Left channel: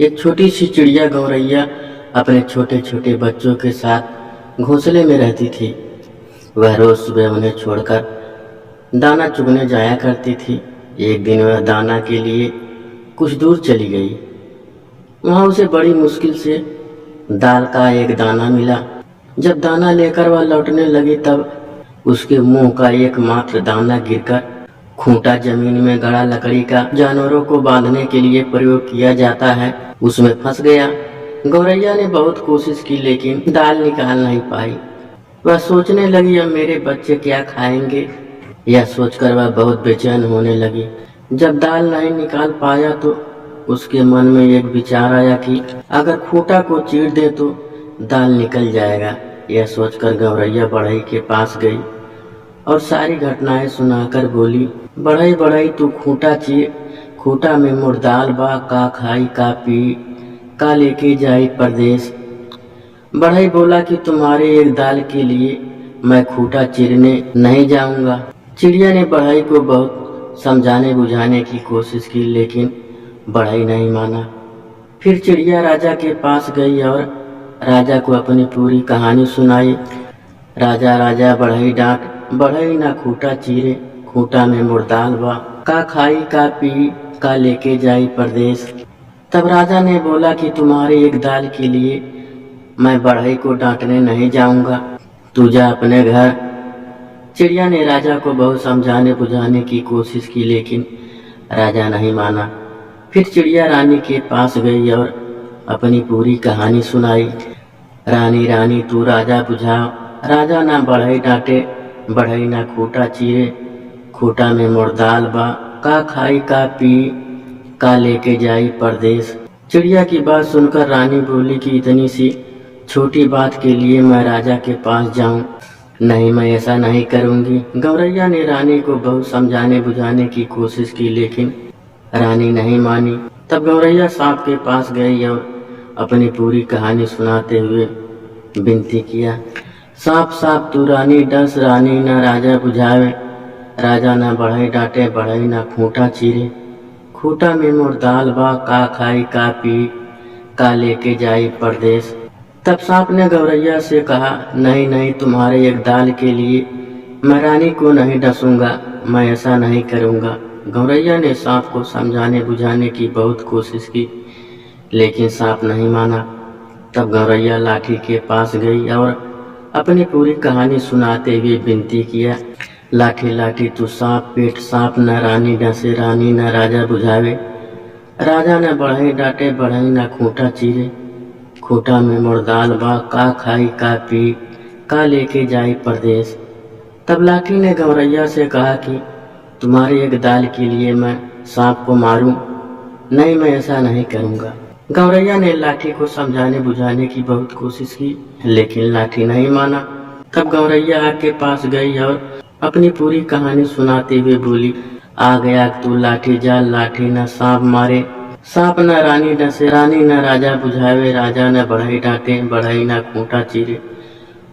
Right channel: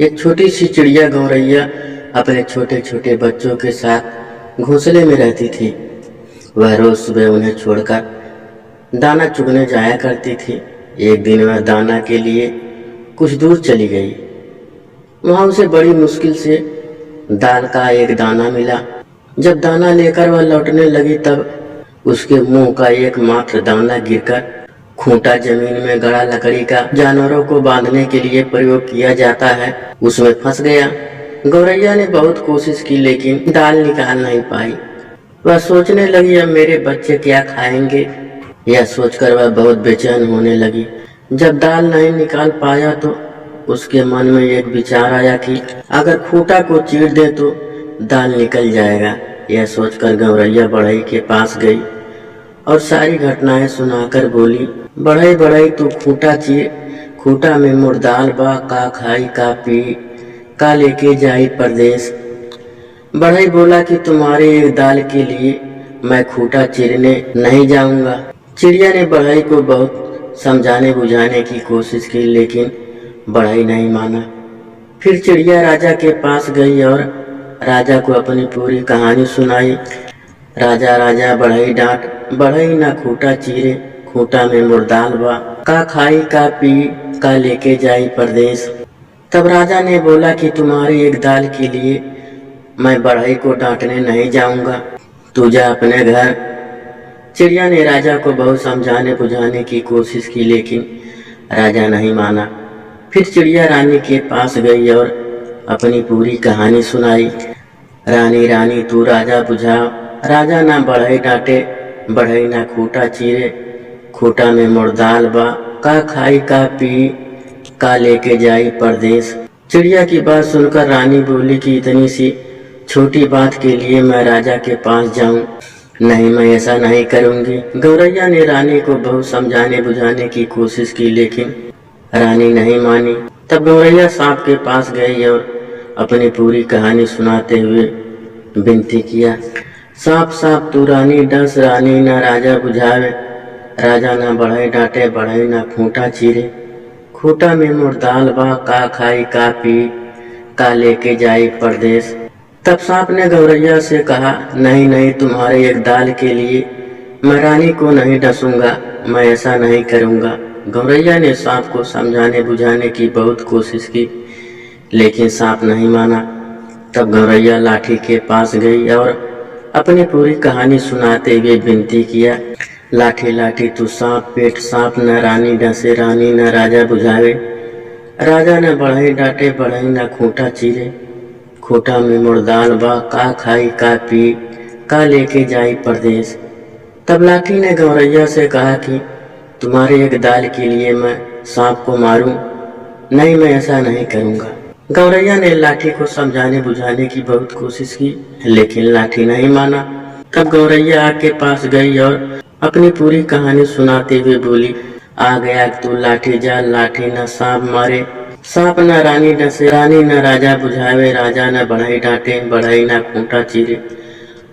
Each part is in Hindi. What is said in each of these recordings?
एक छोटी सी चिड़िया गौरैया अपने छोटे छोटे बच्चों के साथ घोंसले में रहती थी। वह रोज सुबह उन्हें छोड़कर दाना चुगने जाया करती थी। एक दिन वह दाना के लिए कुछ दूर चली गई। वहां उसे बड़ी मुश्किल से दाल का एक दाना मिला। जब दाना लेकर वह लौटने लगी तब उसके मुंह का एकमात्र दाना गिरकर खूंटा जमीन में गड़ा लकड़ी का जानवरों को बांधने के लिए प्रयोग किया जाता है, उसमें फंस गया। गौरैया ने बहुत कोशिश की लेकिन दाल निकाल नहीं पाई। वह सोचने लगी अब मेरे बच्चे क्या खाएंगे। यह सोचकर वह बहुत बेचैन होने लगी। जब दाल नहीं निकाल पाया तो उसके मन में एक विचार आया कि अगर खूंटा को चीर दे तो दाल निकल जाएगा। यह सोचकर गौरैया बढ़ई के पास गई और सारी घटनाएं सुनाकर बोली, बढ़ई बढ़ई तू खूंटा चीर, खूंटा में मोर दाल बा, का खाई का पी, का लेके जाई परदेश। बढ़ई बोला कि तुम्हारे एक दाल के लिए मैं खूंटा चीरने नहीं जाऊंगा। चिड़िया ने बढ़ई को बहुत समझाने बुझाने की कोशिश की लेकिन बढ़ई नहीं माना। फिर चिड़िया राजा के पास गई और राजा को अपनी पूरी कहानी सुनाई। राजा राजा बढ़ई डांट, बढ़ई ना खूंटा चीरे, खूंटा में मोर दाल बा, का खाई का पी, का लेके जाई परदेश। तब राजा ने बोला कि तुम्हारी एक दाल के लिए मैं बढ़ई को डांटने नहीं जाऊंगा, तू जा अपने घर। चिड़िया ने राजा को बहुत समझाने बुझाने की कोशिश की लेकिन राजा नहीं माना। फिर चिड़िया रानी के पास गई और अपनी पूरी कहानी सुनाई। रानी रानी तू राजा बुझाओ, राजा ना बढ़ई डांटे, बढ़ई ना खूंटा चीरे, खूंटा में मोर दाल बा, का खाई का पी, का लेके जाई परदेश। चिड़िया की बात सुनकर रानी बोली कि इतनी सी छोटी बात के लिए मैं राजा के पास जाऊं? नहीं, मैं ऐसा नहीं करूंगी। गौरैया ने रानी को बहुत समझाने बुझाने की कोशिश की लेकिन रानी नहीं मानी। तब गौरैया सांप के पास गई और अपनी पूरी कहानी सुनाते हुए विनती किया, सांप सांप तू रानी डस, रानी ना राजा बुझावे, राजा ना बढ़ई डांटे, बढ़ई ना खूंटा चीरे, खूंटा में मोर दाल बा, का खाई का पी, का लेके जाई परदेश। तब सांप ने गौरैया से कहा, नहीं नहीं, तुम्हारे एक दाल के लिए मैं रानी को नहीं डसूंगा, मैं ऐसा नहीं करूंगा। गौरैया ने सांप को समझाने बुझाने की बहुत कोशिश की लेकिन सांप नहीं माना। तब गौरैया लाठी के पास गई और अपनी पूरी कहानी सुनाते हुए विनती किया, लाठी लाठी तू सांप पेट, सांप न रानी डसे, रानी न राजा बुझावे, राजा न बढ़ई डांटे, बढ़ई न खूंटा चीरे, खूंटा में मोर दाल बा, का खाई का पी, का लेके जाई परदेश। तब लाठी ने गौरैया से कहा कि तुम्हारे एक दाल के लिए मैं सांप को मारूं? नहीं, मैं ऐसा नहीं करूंगा। गौरैया ने लाठी को समझाने बुझाने की बहुत कोशिश की लेकिन लाठी नहीं माना। तब गौरैया आग के पास गई और अपनी पूरी कहानी सुनाते हुए बोली, आ गया तू लाठी जाल, लाठी न सांप मारे, सांप न रानी डसे, रानी न राजा बुझावे, राजा न बढ़ई डांटे, बढ़ई न खूंटा चीरे,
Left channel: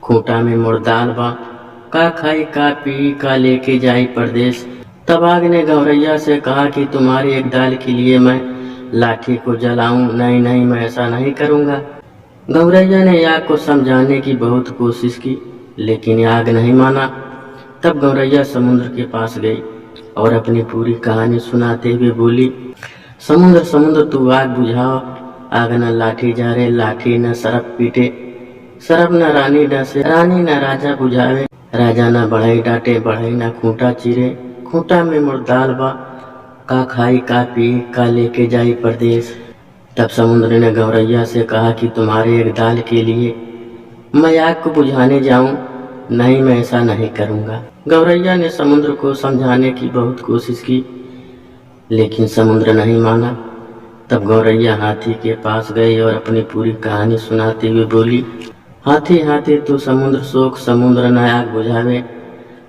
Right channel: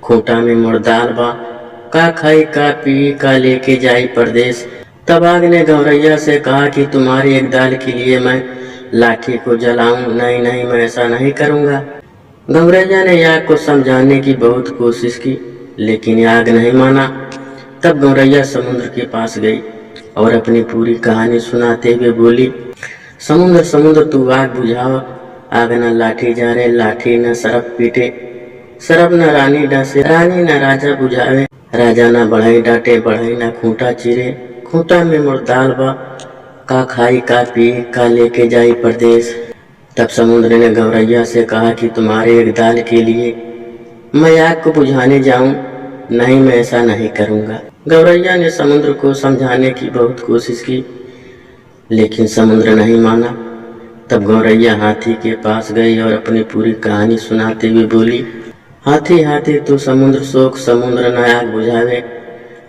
खूंटा में मोर दाल बा, का खाई का पी, का लेके जाई परदेश। तब आग ने गौरैया से कहा कि तुम्हारी एक दाल के लिए मैं लाठी को जलाऊं? नहीं नहीं, मैं ऐसा नहीं करूंगा। गौरैया ने आग को समझाने की बहुत कोशिश की लेकिन आग नहीं माना। तब गौरैया समुद्र के पास गई और अपनी पूरी कहानी सुनाते हुए बोली, समुद्र समुद्र तू आग बुझाओ, आग न लाठी जारे, लाठी न सरप पीटे, सरप न रानी डसे, रानी न राजा बुझावे, राजा न बढ़ई डांटे, बढ़ई न खूंटा चीरे, खूंटा में मोर दाल बा, का खाई का पी, का लेके जाई परदेश। तब समुद्र ने गौरैया से कहा कि तुम्हारे एक दाल के लिए मैं आग को बुझाने जाऊं? नहीं, मैं ऐसा नहीं करूंगा। गौरैया ने समुद्र को समझाने की बहुत कोशिश की लेकिन समुद्र नहीं माना। तब गौरैया हाथी के पास गई और अपनी पूरी कहानी सुनाते हुए बोली, हाथी हाथी तू समुद्र सोख, समुद्र न आग बुझावे,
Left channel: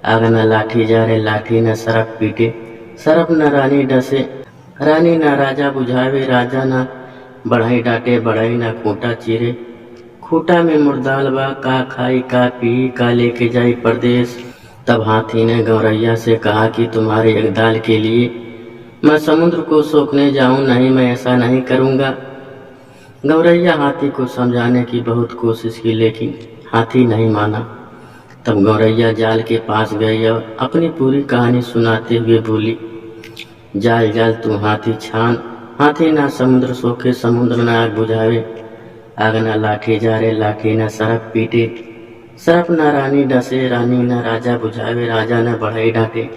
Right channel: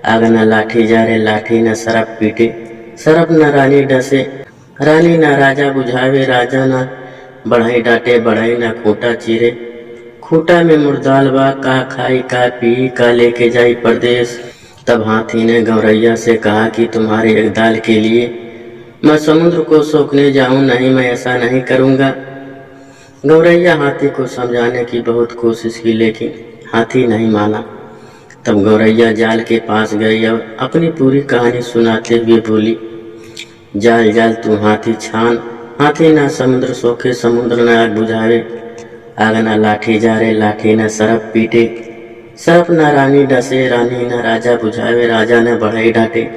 आग न लाठी जारे, लाठी न सरप पीटे, सरप न रानी डसे, रानी न राजा बुझावे, राजा न बढ़ई डांटे, बढ़ई न खूंटा चीरे, खूंटा में मोर दाल बा, का खाई का पी, का लेके जाई परदेश। तब हाथी ने गौरैया से कहा कि तुम्हारे एक दाल के लिए मैं समुद्र को सोखने जाऊं? नहीं, मैं ऐसा नहीं करूंगा। गौरैया हाथी को समझाने की बहुत कोशिश की, लेकिन हाथी नहीं माना। तब गौरैया जाल के पास गई और अपनी पूरी कहानी सुनाते हुए बोली, जाल जाल तू हाथी छान, हाथी ना समुद्र सोखे, समुद्र न आग बुझावे, आग न लाठी जारे, लाठी न सरप पीटे, सरप न रानी डसे, रानी न राजा बुझावे, राजा न बढ़ई डांटे,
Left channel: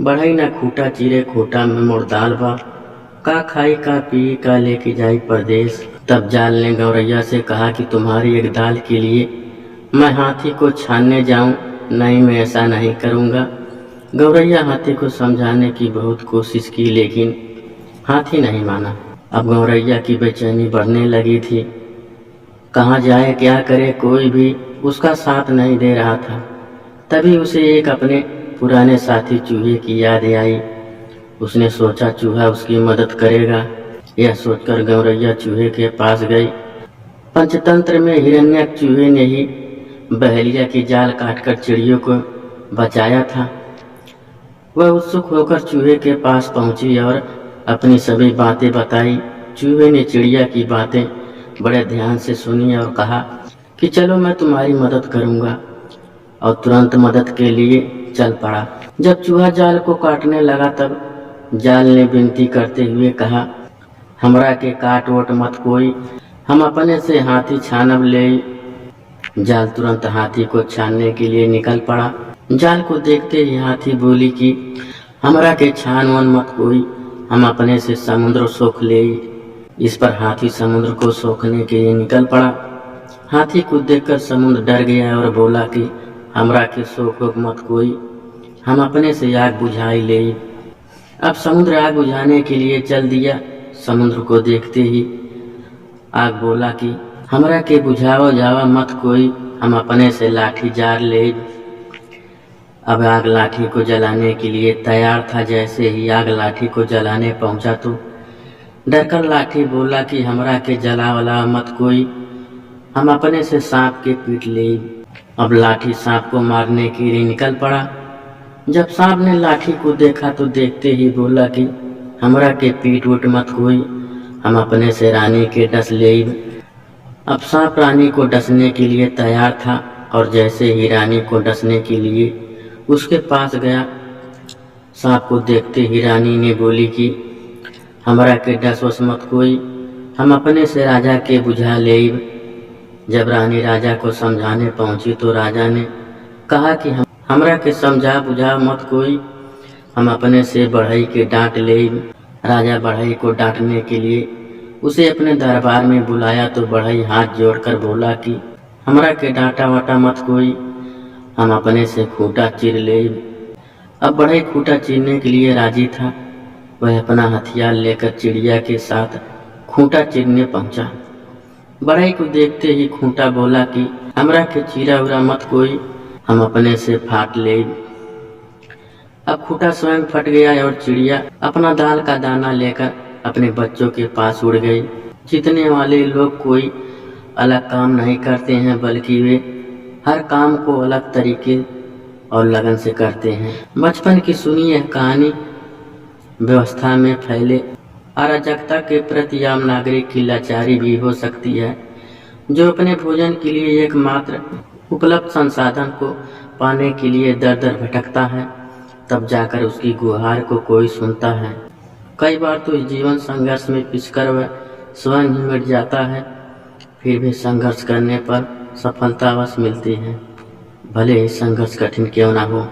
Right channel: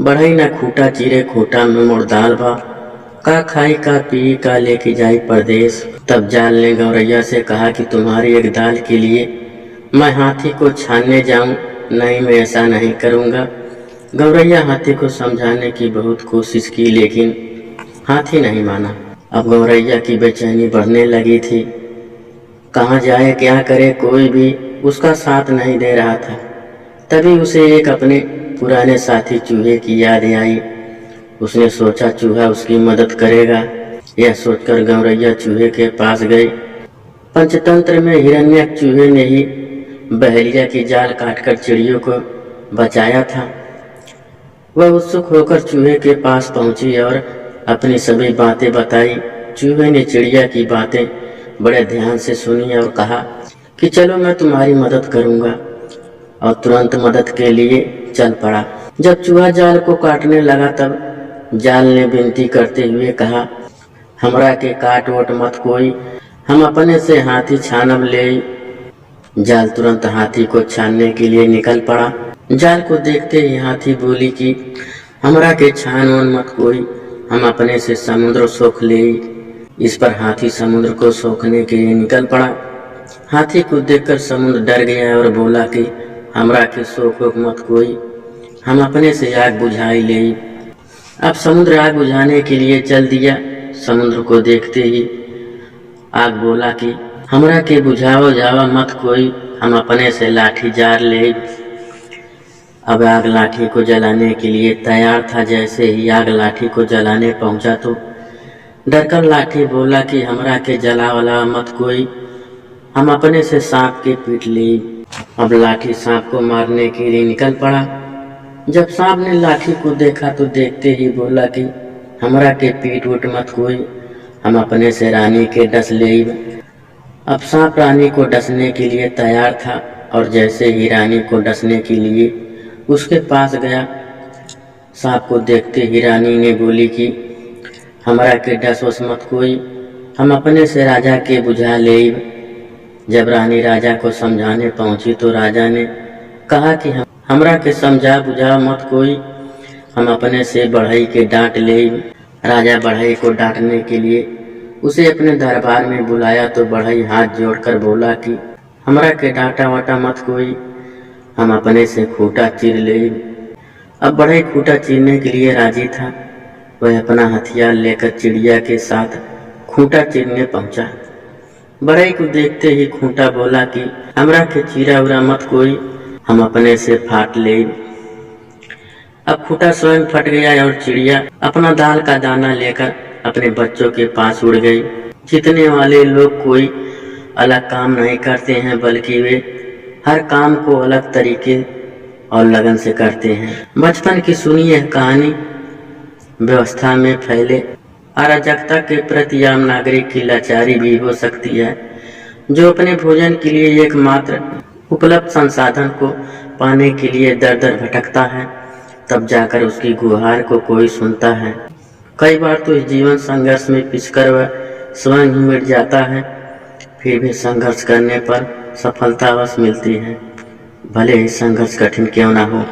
बढ़ई न खूटा चीरे, खूटा में मोड़ दाल बा, का खाई का पी का लेके जाई परदेश। तब जाल ने गौरैया से कहा कि तुम्हारी एक दाल के लिए मैं हाथी को छानने जाऊं? नहीं, मैं ऐसा नहीं करूंगा। गौरैया हाथी को समझाने की बहुत कोशिश की, लेकिन हाथी नहीं माना। अब गौरैया की बेचैनी बढ़ने लगी थी। कहाँ जाए क्या करे, कोई भी उसका साथ नहीं दे रहा था। तभी उसे एक अपने पुराने साथी चूहे की याद आई। उसने सोचा चूहा उसकी मदद करेगा। यह सोचकर गौरैया चूहे के पास गई। पंचतंत्र में हिरण्यक चूहे ने ही बहेलिया की जाल काटकर चिड़ियों को बचाया था। वह उत्सुक होकर चूहे के पास पहुंची और अपनी सभी बातें बताई। चूहे ने चिड़िया की बातें बड़े ध्यान से सुनी और कहा कि चलो मैं तुम्हारी मदद करूंगा, और तुरंत मदद के लिए चल पड़ा। जब चूहा जाल को काटने लगा तब जाल ने विनती करते हुए कहा, हमरा के काट वोट मत कोई, हम अपने से हाथी छानब ले। जाल तुरंत हाथी को छानने के लिए निकल पड़ा। जाल को देखते ही हाथी बोली कि हमरा के छान वन मत कोई, हम अपने से समुद्र सोख ले। इस पर हाथी समुद्र को सोखने के लिए निकल पड़ा। हाथी को देखकर समुद्र डर गया और बोला कि हमरा के सोखो मत कोई, हम अपने से आग बुझाई ले। अब समुद्र आग बुझाने के लिए चल दिया। समुद्र को देखते ही आग बोला कि हमरा के बुझाओ जावा मत कोई, हम अपने से लाठी जार ले। अब आग लाठी को जलाने के लिए तैयार था। जैसे ही आग लाठी को जलाने पहुंचा तो डरकर लाठी बोला कि हमरा के जला वाला मत कोई, हम अपने से सांप के पीट ले। अब लाठी सांप को मारने के लिए निकल पड़ा। जब सांप ने लाठी को देखा तो देखते ही बोला कि हमरा के पीट उठ मत कोई, हम अपने से रानी के डस ले। अब सांप रानी को डसने के लिए तैयार था और जैसे ही रानी को डसने के लिए उसके पास गया, सांप को देखते ही रानी ने बोली कि हमरा के डस वस मत कोई, हम अपने से राजा के बुझा ले। जब रानी राजा को समझाने पहुंची तो राजा ने कहा कि हमरा के समझा बुझा मत कोई, हम अपने से बढ़ई के डांट ले। राजा बढ़ई को डांटने के लिए उसे अपने दरबार में बुलाया तो बढ़ई हाथ जोड़कर बोला कि हमरा के डांटा वाटा मत कोई, हम अपने से खूटा चीर ले। अब बढ़ई खूटा चीरने के लिए राजी था। वह अपना हथियार लेकर चिड़िया के साथ खूंटा चीरने पहुंचा। बढ़ई को देखते ही खूंटा बोला कि हमरा के चीरा उरा मत कोई, हम अपने से फाट ले। अब खूंटा स्वयं फट गया और चिड़िया अपना दाल का दाना लेकर अपने बच्चों के पास उड़ गई। जीतने वाले लोग कोई अलग काम नहीं करते हैं, बल्कि वे हर काम को अलग तरीके और लगन से करते हैं। बचपन की सुनी यह कहानी व्यवस्था में फैले अराजकता के प्रति आम नागरिक की लाचारी भी हो सकती है, जो अपने भोजन के लिए एकमात्र उपलब्ध संसाधन को पाने के लिए दर दर भटकता है, तब जाकर उसकी गुहार को कोई सुनता है। कई बार तो इस जीवन संघर्ष में पिसकर वह स्वयं ही मिट जाता है, फिर भी संघर्ष करने पर सफलता अवश्य मिलती है, भले ही संघर्ष कठिन क्यों ना हो।